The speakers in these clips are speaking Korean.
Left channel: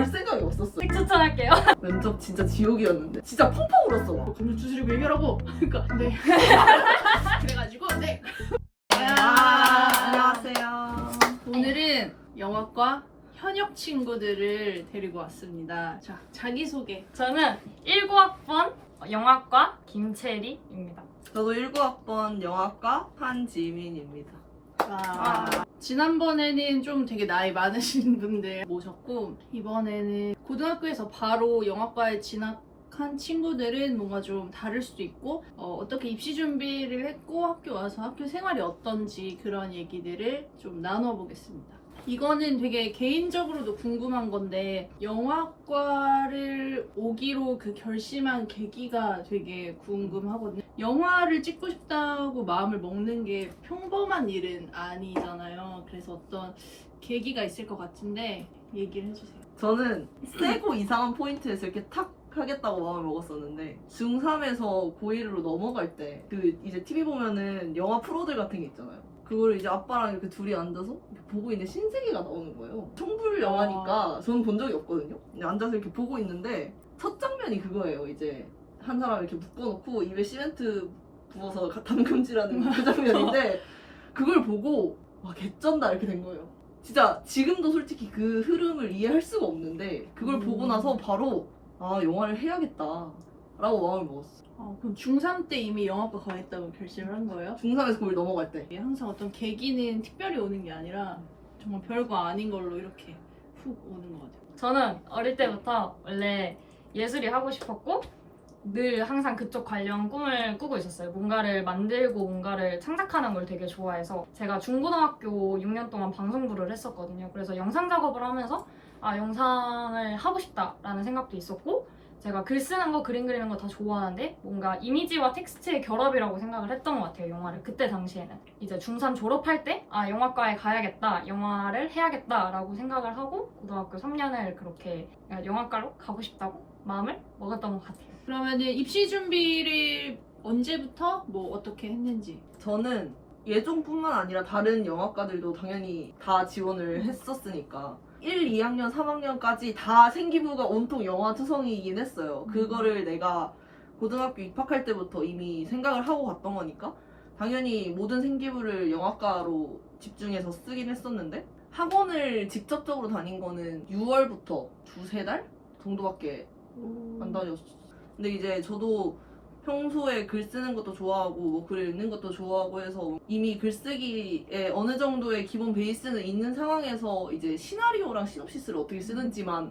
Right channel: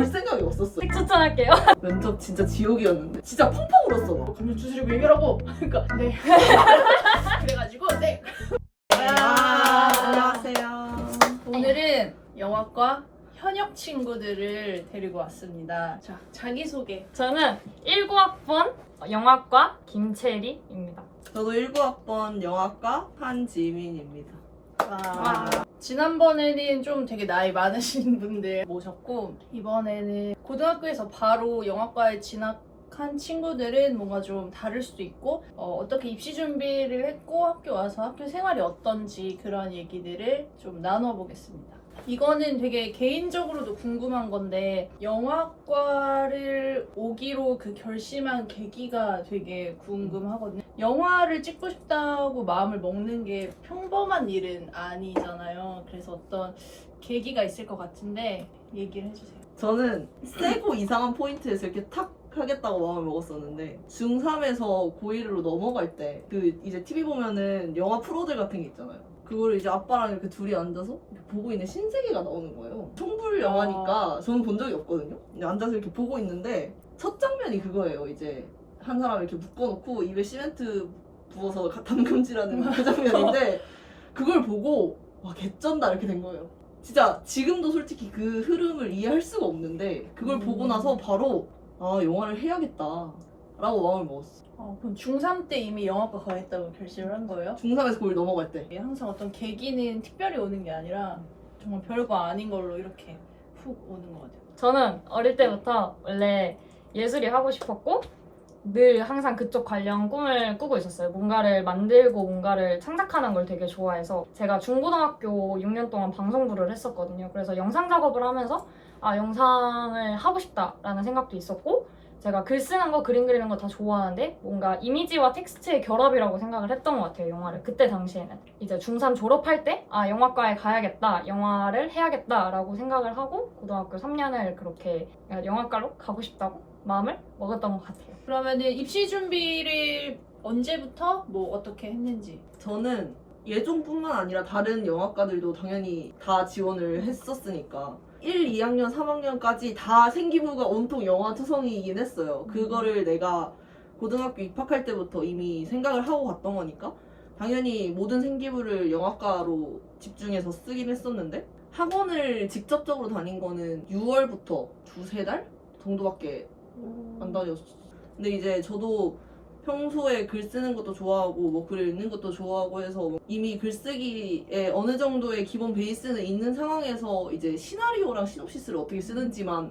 올 생각이 없었어. 책 추천할게요. 면접 진짜 지옥이었는데 진짜 펑펑 울었어. 감정 추스리고 얘기하라고. 그러니까 네. 그래가지고 네. 안녕하세요. 오늘은 영화과 현역 친구들을 데리고 왔습니다. 자, 자기소개. 저는 19학번 영화과 김채리입니다. 저도 19학번 영화과 한지민입니다. 지난번에는 좀 되게 나이 많으신 분들 모셨고, 이번에는 고등학교에서 바로 영화과에 진학한 친구들은 뭔가 좀 다를 수도 있고, 어떻게 입시 준비를 했고 학교 와서 학교 생활이 어떤지 그런 얘기들을 좀 나눠보겠습니다. 이거는 되게 개인적으로도 궁금한 건데, 영화과를 오기로 그 결심한 계기가 되게 궁금하거든요. 영화를 찍고 싶다고 마음을 먹는 게 평범한 일은 아니잖아요. 그래서 어떤 계기가 있을 것 같은데 얘기를 해주세요. 저는 세고 이상한 포인트에서 이렇게 탁 하겠다고 마음을 먹었었는데 중3에서 고1으로 넘어갈 때 그 이제 TV 보면은 영화 프로들 같은 게 있잖아요. 그거를 이제 아빠랑 이렇게 둘이 앉아서 이렇게 보고 있는 신세계가 나오는 거예요. 청불 영화니까 저는 본 적이 없거든요. 근데 앉아서 이렇게 보고 있는데 첫 장면이 그거예요. 이제 한 사람 이렇게 묶어놓고 입에 시멘트 부어서 담금질하는 그 장면인데 그걸 보고 와 개쩐다 이렇게 된 거예요. 진짜 지금도 솔직히 그 흐름을 이해할 수가 없는데 그걸 보고 나서 바로 아 영화를 해야겠다 라고 마음을 먹었어. 그럼 중3 때 이미 영화과 가겠다고 결심을 한 거예요? 중3에서 거기 넘어갈 때 항상 어떤 계기는 특별히 오는 게 아니라 정말 별거 아닌 걸로 이렇게 훅 오는 것 같아요. 저는 어릴 때부터 원래 예술이 하고 싶었고 늘 항상 그쪽 관련 꿈을 꾸고 있었어요. 뭔가를 만들고 뭔가를 창작하는 걸 되게 좋아해서 제가 중고등학교 6년 동안 방송부를 했었거든요. 그래서 영상 작업을 하면서 영상을 하고 싶다라는 생각도 있었고 제가 글 쓰는 거, 그림 그리는 거 다 좋아하는데 뭔가 이미지와 텍스트의 결합이라고 생각을 했던 것 같아요, 영화를. 그때 당시에는. 이제 중3 졸업할 때 영화과에 가야겠다, 영화를 해야겠다라고 생각을 하고 고등학교 3년을 그렇게 영화과로 가고 싶다고 마음을 먹었던 것 같아요. 그러면은 입시 준비를 언제부터 뭐 어떻게 했는지. 저는 예종뿐만 아니라 다른 영화과들도 당연히 다 지원을 했었으니까 1, 2학년, 3학년까지 다 생기부가 온통 영화 투성이긴 했어요. 그거를 내가 고등학교 입학할 때부터 이미 생각을 하고 갔던 거니까 당연히 모든 생기부를 영화과로 집중해서 쓰긴 했었는데 학원을 직접적으로 다닌 거는 6월부터 두세 달 정도밖에 안 다녔어. 근데 이제 저도 평소에 글 쓰는 것도 좋아하고 뭐 글을 읽는 것도 좋아하고 해서 이미 글쓰기에 어느 정도의 기본 베이스는 있는 상황에서 이제 시나리오랑 시놉시스를 어떻게 쓰는지만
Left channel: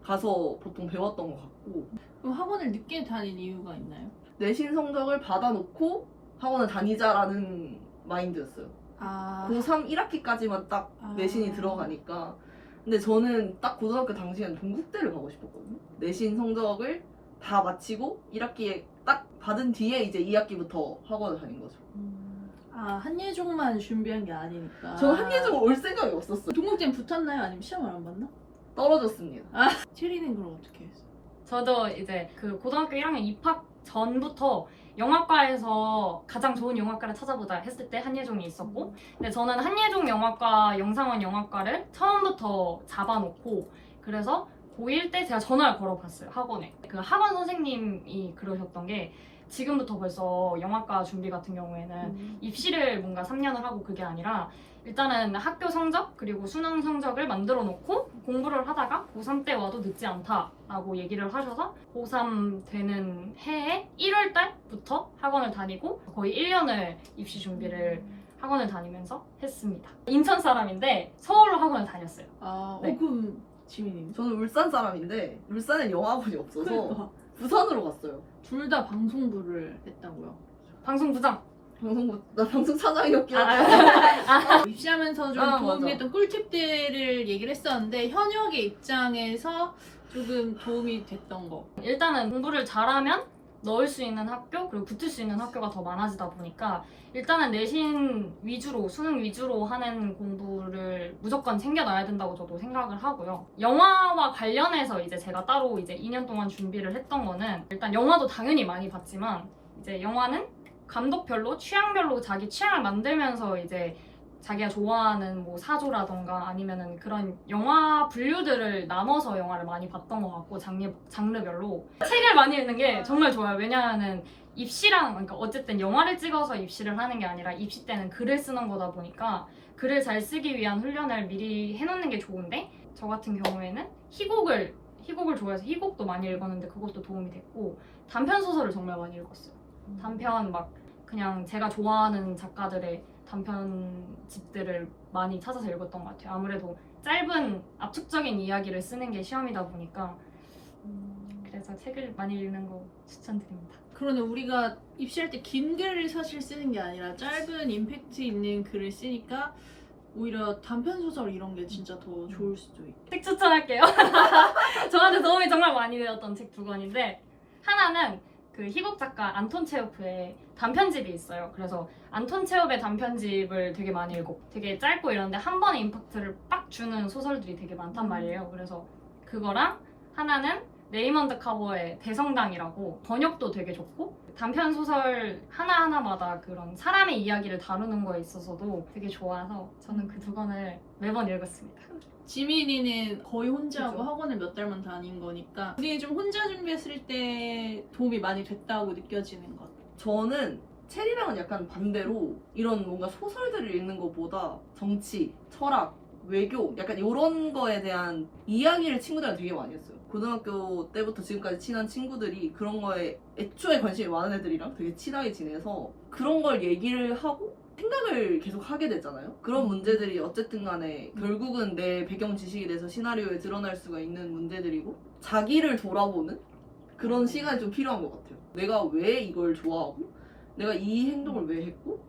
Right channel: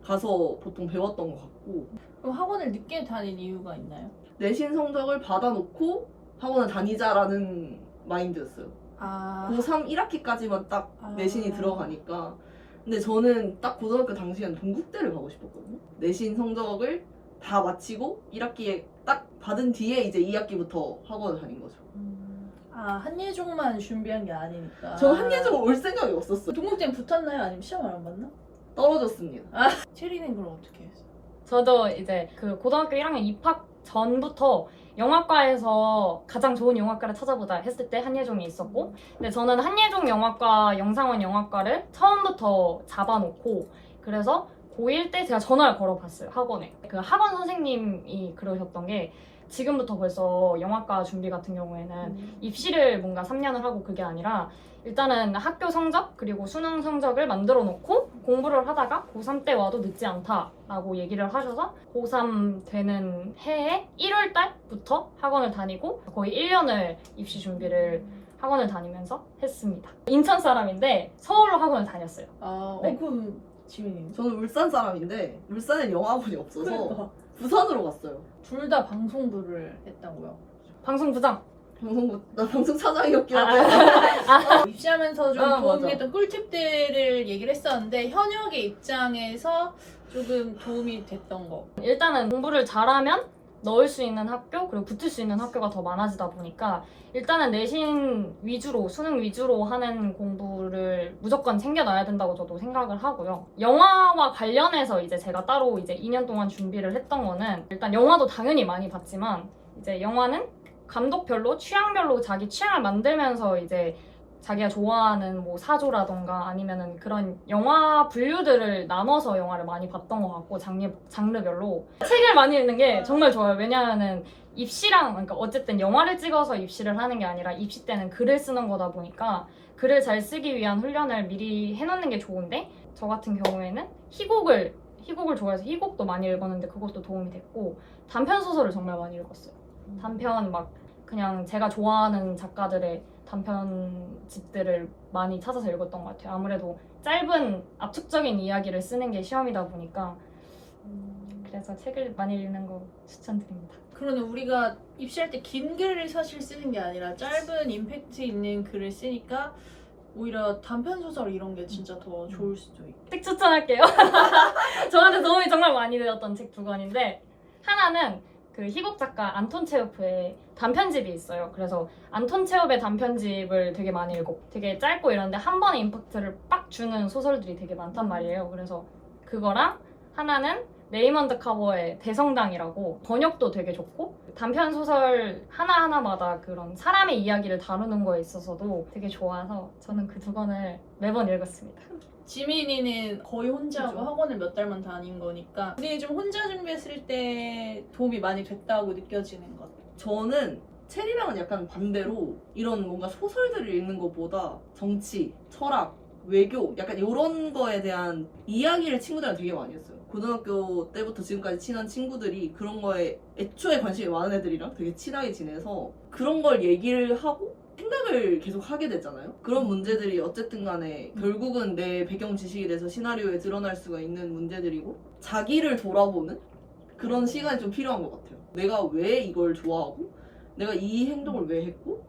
가서 보통 배웠던 것 같고. 그럼 학원을 늦게 다닌 이유가 있나요? 내신 성적을 받아놓고 학원을 다니자라는 마인드였어요. 고3 1학기까지만 딱 내신이 들어가니까. 근데 저는 딱 고등학교 당시에는 동국대를 가고 싶었거든요. 내신 성적을 다 마치고 1학기에 딱 받은 뒤에 이제 2학기부터 학원을 다닌 거죠. 한예종만 준비한 게 아니니까. 저는 한예종 올 생각이 없었어요. 동국대는 붙었나요? 아니면 시험을 안 봤나? 떨어졌습니다. 체리는 그럼 어떻게 했어? 저도 이제 그 고등학교 1학년 입학 전부터 영화과에서 가장 좋은 영화과를 찾아보자 했을 때 한예종이 있었고 근데 저는 한예종 영화과, 영상원 영화과를 처음부터 잡아놓고 그래서 고1 때 제가 전화를 걸어봤어요, 학원에. 그 학원 선생님이 그러셨던 게 지금부터 벌써 영화과 준비 같은 경우에는 입시를 뭔가 3년을 하고 그게 아니라 일단은 학교 성적 그리고 수능 성적을 만들어 놓고 공부를 하다가 고3 때 와도 늦지 않다라고 얘기를 하셔서 고3 되는 해에 1월 달부터 학원을 다니고 거의 1년을 입시 준비를 학원을 다니면서 했습니다. 인천 사람인데 서울로 학원을 다녔어요. 네. 그럼 지민이 저는 울산 사람인데 울산에 영화학원이 없어서 부산으로 갔어요. 둘 다 방송부를 했다고요? 방송부장. 나 방송 차장이었긴 한데 입시하면서 좀 도움이 됐던 꿀팁들을 얘기를 했었는데 현역의 입장에서 조금 도움이 됐던 거. 일단은 공부를 잘하면 넣을 수 있는 학교 그리고 붙을 수 있는 학교가 더 많아지다 보니까 일단은 내신 위주로 수능 위주로 하는 공부를 무조건 챙겨놔야 된다고 저도 생각을 하고요. 영화와 관련해서 이제 제가 따로 이제 2년 동안 준비를 했던 거는 일단 영화도 당연히 많이 봤지만 이제 영화는 감독별로 취향별로 자기 취향을 만들면서 이제 자기가 좋아하는 뭐 사조라던가 아니면은 그런 영화 분류들을 나눠서 영화를 많이 봤던 것 같고 장르별로 책을 많이 읽는 게 정말 좋아요. 왜냐하면은 입시랑 그러니까 어쨌든 영화를 찍어서 입시를 하는 게 아니라 입시 때는 글을 쓰는 거다 보니까 글을 잘 쓰기 위한 훈련을 미리 해놓는 게 좋은데 저 같은 경우에는 희곡을 좋아해서 희곡도 많이 읽었는데 그것도 도움이 됐고 단편 소설을 정말 많이 읽었어요. 단편 막 그냥 제가 좋아하는 작가들의 단편집들을 많이 찾아서 읽었던 것 같아요. 아무래도 짧은 압축적인 이야기를 쓰는 게 시험이다 보니까 그래서 책을 많이 읽는 거 추천드립니다. 그러네, 우리가 입시할 때 긴 글을 사실 쓰는 게 아니라 짧은 임팩트 있는 글을 쓰니까 오히려 단편 소설 이런 게 진짜 더 좋을 수도 있고. 책 추천할게요. 저한테 도움이 정말 많이 되었던 책 두 권인데 하나는 그 희곡 작가 안톤 체호프의 단편집이 있어요. 그래서 안톤 체호프의 단편집을 되게 많이 읽고 되게 짧고 이런데 한 번에 임팩트를 빡 주는 소설들이 되게 많단 말이에요. 그래서 그거랑 하나는 레이먼드 카버의 대성당이라고 번역도 되게 좋고 단편 소설 하나하나마다 그런 사람의 이야기를 다루는 거에 있어서도 되게 좋아서 저는 그 두 권을 매번 읽었습니다. 지민이는 거의 혼자 하고 그죠. 학원을 몇 달만 다닌 거니까 우리 좀 혼자 준비했을 때 도움이 많이 됐다고 느껴지는 것. 저는 체리랑은 약간 반대로 이런 뭔가 소설들을 읽는 것보다 정치, 철학, 외교 약간 이런 거에 대한 이야기를 친구들이랑 되게 많이 했어요. 고등학교 때부터 지금까지 친한 친구들이 그런 거에 애초에 관심이 많은 애들이랑 되게 친하게 지내서 그런 걸 얘기를 하고 생각을 계속 하게 되잖아요. 그런 문제들이 어쨌든 간에 결국은 내 배경 지식에 대해서 시나리오에 드러날 수가 있는 문제들이고 자기를 돌아보는 그런 시간이 좀 필요한 것 같아요. 내가 왜 이걸 좋아하고 내가 이 행동을 왜 했고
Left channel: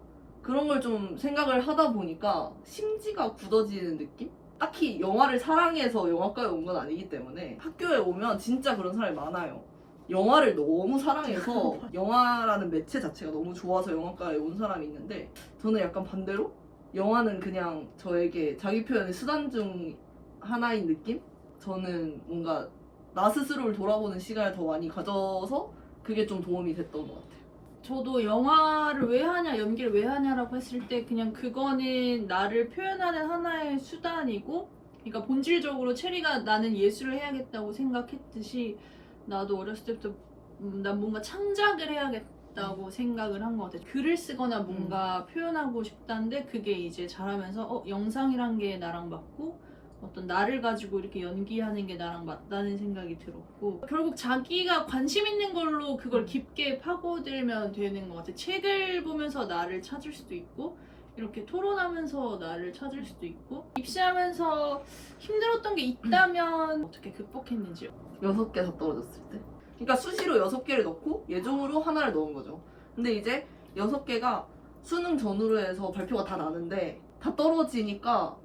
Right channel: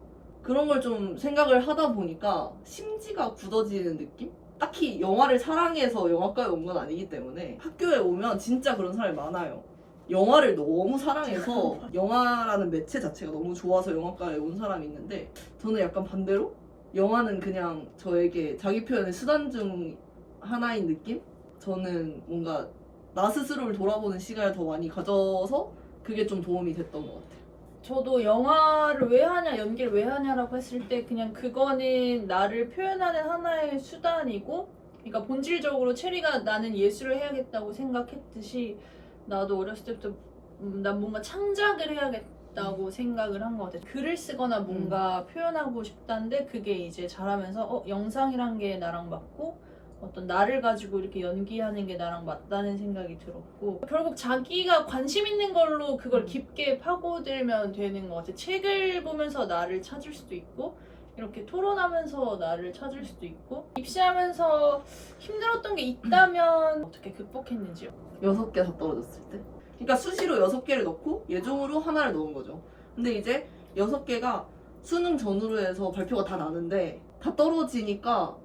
그런 걸 좀 생각을 하다 보니까 심지가 굳어지는 느낌? 딱히 영화를 사랑해서 영화과에 온 건 아니기 때문에 학교에 오면 진짜 그런 사람이 많아요. 영화를 너무 사랑해서 영화라는 매체 자체가 너무 좋아서 영화과에 온 사람이 있는데 저는 약간 반대로 영화는 그냥 저에게 자기 표현의 수단 중 하나인 느낌? 저는 뭔가 나 스스로를 돌아보는 시간을 더 많이 가져서 그게 좀 도움이 됐던 것 같아요. 저도 영화를 왜 하냐, 연기를 왜 하냐라고 했을 때 그냥 그거는 나를 표현하는 하나의 수단이고, 그러니까 본질적으로 체리가 나는 예술을 해야겠다고 생각했듯이 나도 어렸을 때부터 난 뭔가 창작을 해야겠다고 생각을 한 것 같아요. 글을 쓰거나 뭔가 표현하고 싶다는데 그게 이제 자라면서 영상이란 게 나랑 맞고 어떤 나를 가지고 이렇게 연기하는 게 나랑 맞다는 생각이 들었고 결국 자기가 관심 있는 걸로 그걸 깊게 파고들면 되는 것 같아요. 책을 보면서 나를 찾을 수도 있고 이렇게 토론하면서 나를 찾을 수도 있고 입시하면서 힘들었던 게 있다면 어떻게 극복했는지요? 6개 다 떨어졌을 때. 그러니까 수시로 6개를 넣고 예종으로 하나를 넣은 거죠. 근데 이제 6개가 수능 전후로 해서 발표가 다 나는데 다 떨어지니까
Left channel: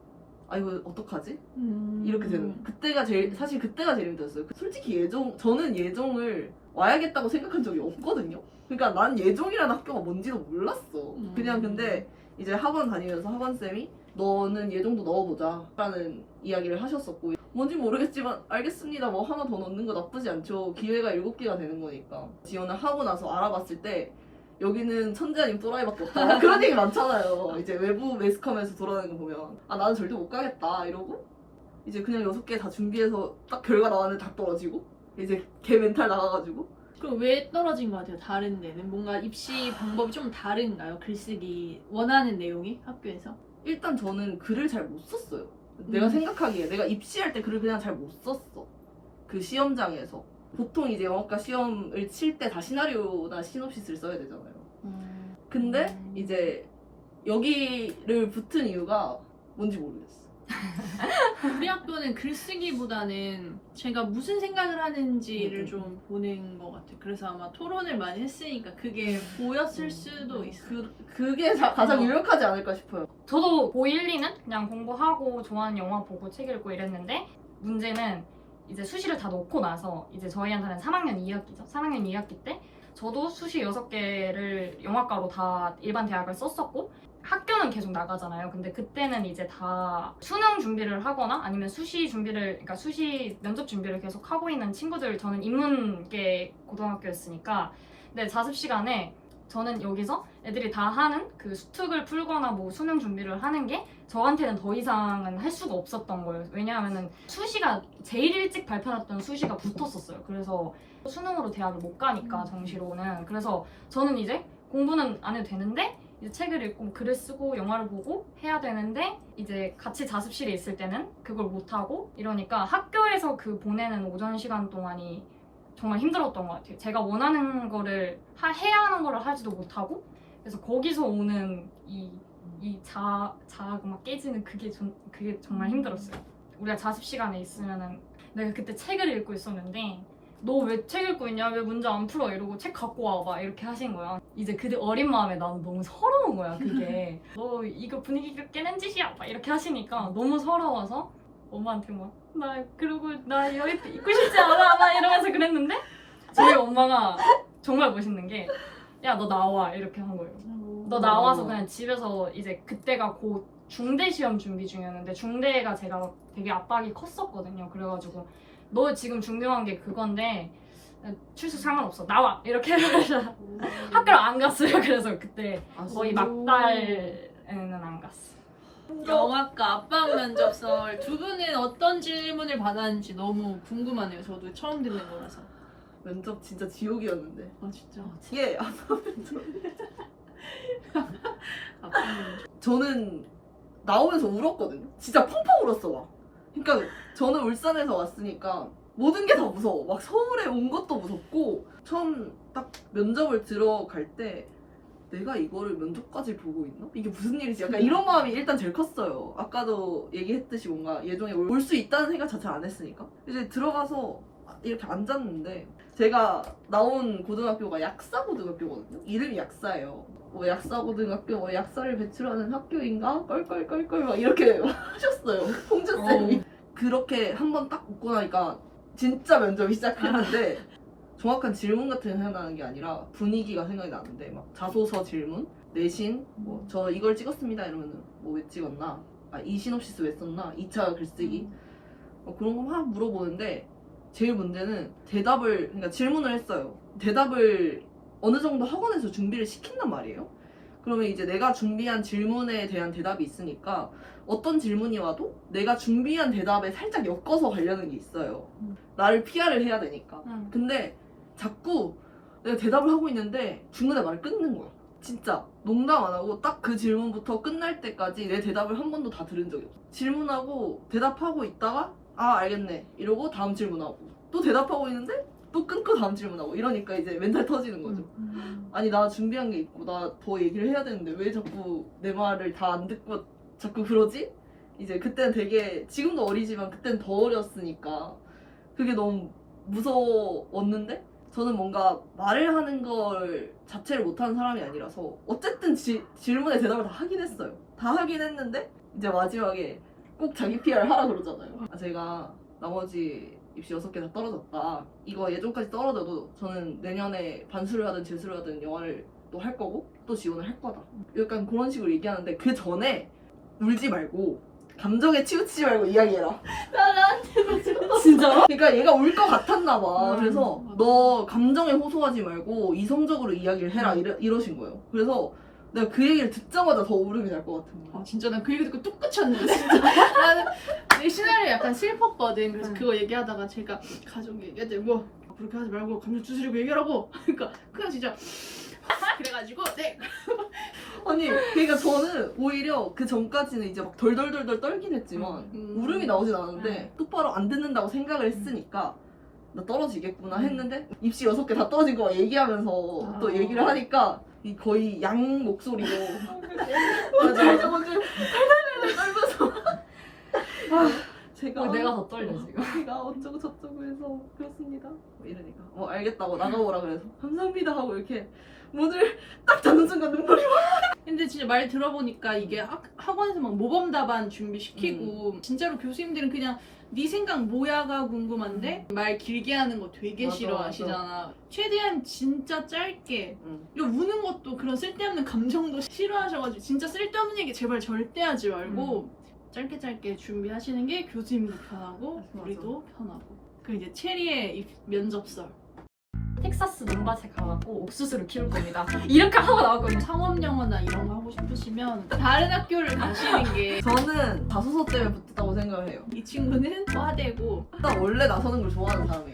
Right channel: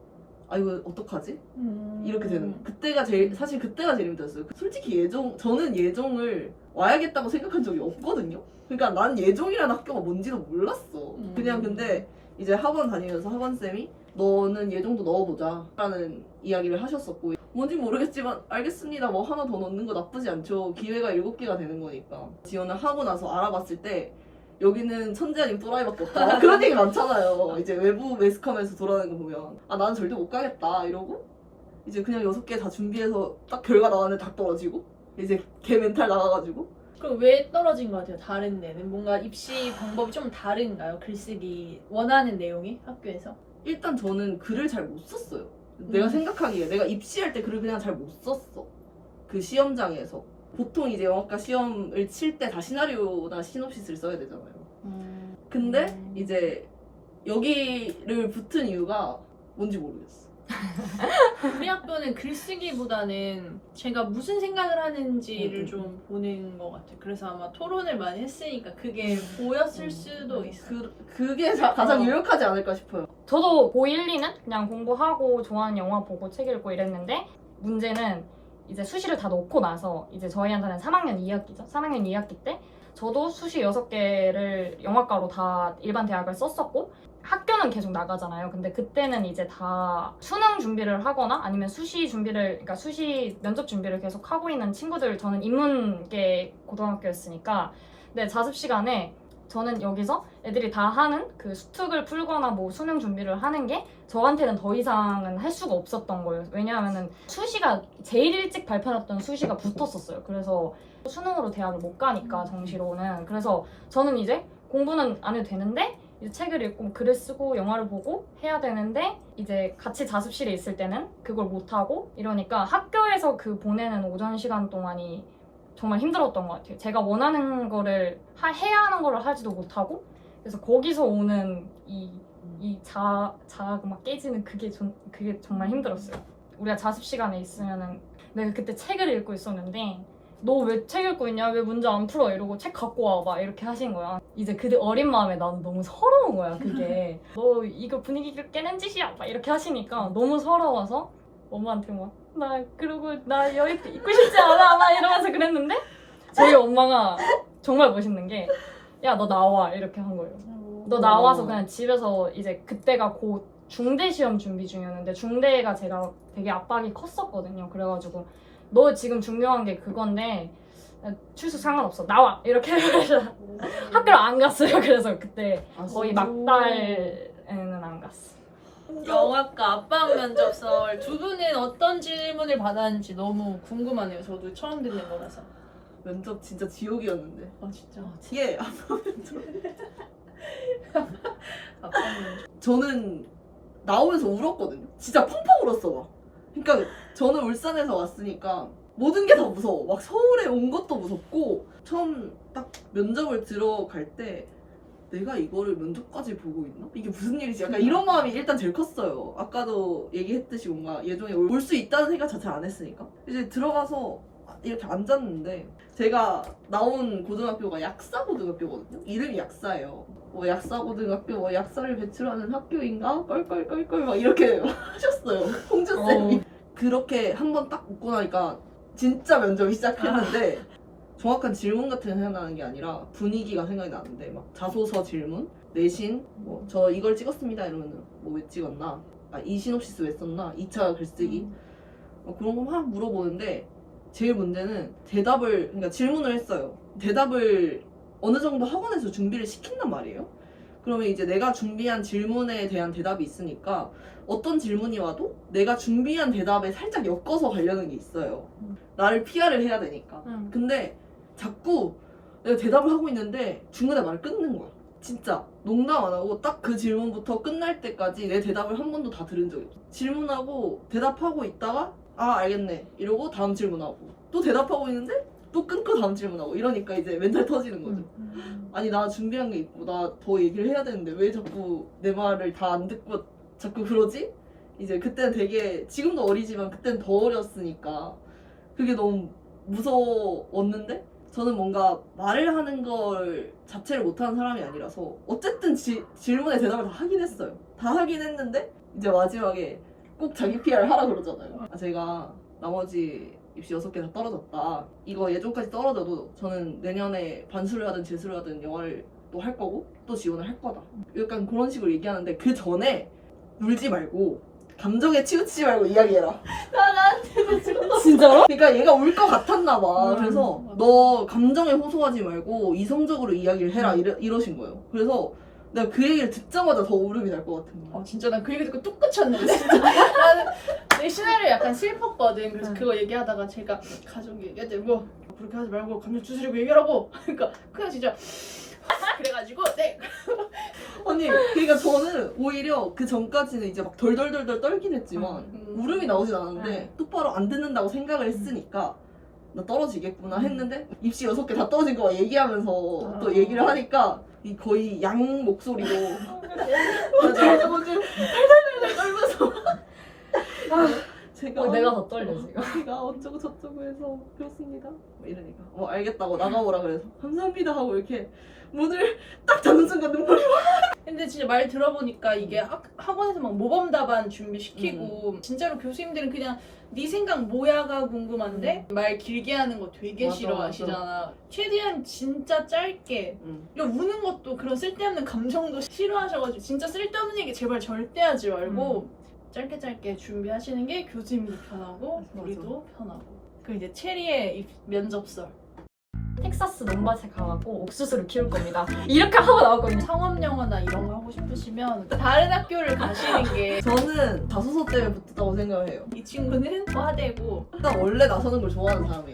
아 이거 어떡하지? 이렇게 되는 거. 그때가 사실 그때가 제일 힘들었어요. 솔직히 저는 예종을 와야겠다고 생각한 적이 없거든요. 그러니까 난 예종이라는 학교가 뭔지도 몰랐어. 그냥 근데 이제 학원 다니면서 학원쌤이 너는 예종도 넣어보자 라는 이야기를 하셨었고 뭔지 모르겠지만 알겠습니다. 뭐 하나 더 넣는 거 나쁘지 않죠. 기회가 7개가 되는 거니까. 지원을 하고 나서 알아봤을 때 여기는 천재 아님 또라이밖에 없다. 그런 얘기 많잖아요. 이제 외부 매스컴에서 돌아다니는 거 보면 아 나는 절대 못 가겠다 이러고 이제 그냥 6개 다 준비해서 딱 결과 나왔는데 다 떨어지고 이제 걔 멘탈 나가가지고 그럼 왜 떨어진 것 같아요? 다른 데는? 뭔가 입시 방법이 좀 다른가요? 글쓰기 원하는 내용이 학교에서? 일단 저는 글을 잘 못 썼어요. 내가 생각하기에 내가 입시할 때 글을 그냥 잘 못 썼어. 그 시험장에서 보통 이제 영어과 시험을 칠 때 다 시나리오나 시놉시스를 써야 되잖아요. 근데 이제 여기를 붙은 이유가 뭔지 모르겠어. 우리 학교는 글쓰기보다는 제가 무슨 생각을 하는지를 좀 보는 것 같아요. 그래서 아마 토론을 많이 했으니까 그게 보였을 수도 있어요. 그게 가장 유력하지 않을까 싶어요. 저도 고1, 2는 그냥 공부하고 좋아하는 영화 보고 책 읽고 이랬는데 문제는 이제 수시를 다 놓고 나서 이제 저희한테는 3학년 2학기죠. 3학년 2학기 때 저도 수시 6개를 영화과로 다 일반 대학을 썼었고 학교는 계속 나가잖아요. 근데 그때는 이제 다 수능 준비를 하거나 아니면 수시 준비를, 그러니까 수시 면접 준비를 계속 하고 있는 친구들, 저는 인문계 고등학교였으니까 근데 자습 시간에 저는 여기서 애들이 다 하는 그 수특을 풀거나 뭐 수능 준비를 하는 게 저한테는 더 이상은 할 수가 없었던 거예요. 왜냐하면은 수시가 제일 일찍 발표했던 수시가 붙었었어요. 그래서 수능으로 대학을 못 가니까 정시로는. 그래서 저는 이제 공부는 안 해도 되는데 이제 책을 읽고 글을 쓰고 영화를 보고 해야 되는데 이제 같이 자습실에 있을 때는 그걸 못 하고 이러니까 학교에서 그 보내는 오전 시간 동안이 정말 힘들었던 것 같아요. 제가 원하는 거를 해야 하는 거를 하지도 못하고 그래서 거기서 오는 이 자아가 막 깨지는 그게 정말 힘들었어요. 우리가 자습 시간에 있으면은 내가 그때 책을 읽고 있었는데 너 왜 책 읽고 있냐? 왜 문제 안 풀어? 이러고 책 갖고 와봐 이렇게 하신 거야. 이제 그때 어린 마음에 나는 너무 서러운 거야 그게. 너 이거 분위기 깨는 짓이야 막 이렇게 하시니까 너무 서러워서 엄마한테 막 나 그러고 나 여기 있고 싶지 않아 막 이러면서 그랬는데 저희 엄마가 정말 멋있는 게 야 너 나와 이렇게 한 거예요. 너 나와서 그냥 집에서 이제 그때가 곧 중대 시험 준비 중이었는데 중대가 제가 되게 압박이 컸었거든요. 그래가지고 너 지금 중요한 게 그건데 출석 상관없어 나와 이렇게 해서 학교를 안 갔어요. 그래서 그때 거의 막달에는 안 갔어. 영화과 압박 면접설 두 분은 어떤 질문을 받았는지 너무 궁금하네요. 저도 처음 듣는 거라서. 면접 진짜 지옥이었는데. 아 진짜. 예. 압박 면접. 저는 나오면서 울었거든요. 진짜 펑펑 울었어 막. 그러니까 저는 울산에서 왔으니까 모든 게 다 무서워. 막 서울에 온 것도 무섭고 처음 딱 면접을 들어갈 때 내가 이거를 면접까지 보고 있나? 이게 무슨 일이지? 약간 이런 마음이 일단 제일 컸어요. 아까도 얘기했듯이 뭔가 예정에 올 수 있다는 생각 자체를 안 했으니까. 이제 들어가서 이렇게 앉았는데 제가 나온 고등학교가 약사고등학교거든요. 이름이 약사예요. 뭐 약사고등학교, 뭐 약사를 배출하는 학교인가? 껄껄껄껄 막 이렇게 하셨어요. 홍주쌤이. 그렇게 한 번 딱 웃고 나니까 진짜 면접이 시작했는데 정확한 질문 같은 게 생각나는 게 아니라 분위기가 생각이 나는데 막 자소서 질문, 내신, 뭐 저 이걸 찍었습니다 이러면은 뭐 왜 찍었나? 이 시놉시스 왜 썼나? 2차 글쓰기 그런 거 막 물어보는데 제일 문제는 그러니까 질문을 했어요. 대답을 어느 정도 학원에서 준비를 시킨단 말이에요. 그러면 이제 내가 준비한 질문에 대한 대답이 있으니까 어떤 질문이 와도 내가 준비한 대답에 살짝 엮어서 가려는 게 있어요. 나를 PR을 해야 되니까. 근데 자꾸 내가 대답을 하고 있는데 중간에 말을 끊는 거야. 진짜 농담 안 하고 딱 그 질문부터 끝날 때까지 내 대답을 한 번도 다 들은 적이 없어. 질문하고 대답하고 있다가 알겠네 이러고 다음 질문하고 또 대답하고 있는데 또 끊고 다음 질문하고 이러니까 이제 멘탈 터지는 거죠. 아니 나 준비한 게 있고 나 더 얘기를 해야 되는데 왜 자꾸 내 말을 다 안 듣고 자꾸 그러지? 이제 그때는 되게 지금도 어리지만 그때는 더 어렸으니까 그게 너무 무서웠는데 저는 뭔가 말을 하는 걸 자체를 못하는 사람이 아니라서 어쨌든 질문에 대답을 다 하긴 했어요. 다 하긴 했는데 이제 마지막에 꼭 자기 PR 하라 그러잖아요. 제가 나머지 입시 6개 다 떨어졌다. 이거 예전까지 떨어져도 저는 내년에 반수를 하든 재수를 하든 영어를 또 할 거고 또 지원을 할 거다. 약간 그런 식으로 얘기하는데 그 전에 울지 말고 감정에 치우치지 말고 이야기해라. 진짜로? 그러니까 얘가 울 것 같았나 봐. 그래서 너 감정에 호소하지 말고 이성적으로 이야기를 해라 이러신 거예요. 그래서 내가 그 얘기를 듣자마자 더 울음이 날 것 같은 거야. 진짜 난 그 얘기 듣고 뚝 끝쳤는데. 나는 내 시나리오 약간 슬펐거든. 그래서 그거 얘기하다가 제가 가족 얘기할 뭐 그렇게 하지 말고 감정 추스리고 얘기하라고. 그러니까 그냥 진짜 그래가지고 네. 아니 그러니까 저는 오히려 그 전까지는 이제 막 덜덜덜덜 떨긴 했지만 울음이 나오진 않았는데 똑바로 안 듣는다고 생각을 했으니까 나 떨어지겠구나 했는데 입시 6개 다 떨어진 거 얘기하면서 또 얘기를 하니까 이 거의 양 목소리로 달달달 떨면서 제가 내가 더 떨려 지금. 제가 어쩌고 저쩌고 해서 그렇습니다 이러니까 뭐 알겠다고 나가보라 그래서 감사합니다 하고 이렇게 문을 딱 닫는 순간 눈물이 근데 진짜 말 들어보니까 이게 학원에서 막 모범 답안 준비시키고 진짜로 교수님들은 그냥 네 생각 뭐야가 궁금한데 말 길게 하는 거 되게 맞아, 싫어하시잖아. 최대한 진짜 짧게. 이런 우는 것도 그런 쓸데없는 감정도 싫어하셔가지고 진짜 쓸데없는 얘기 제발 절대 하지 말고 짧게 준비하시는 게 교수님도 편하고 맞아. 우리도 편하고. 그 이제 체리의 면접설. 텍사스 논밭에 가고 옥수수를 키울 겁니다. 이렇게 하고 나왔거든요. 상업영어나 이런 거 하고 싶으시면 다른 학교를 가시는 게 이 저는 자소서 때문에 붙었다고 생각을 해요. 친구는 과대고 일단 원래 나서는 걸 좋아하는 사람이에요.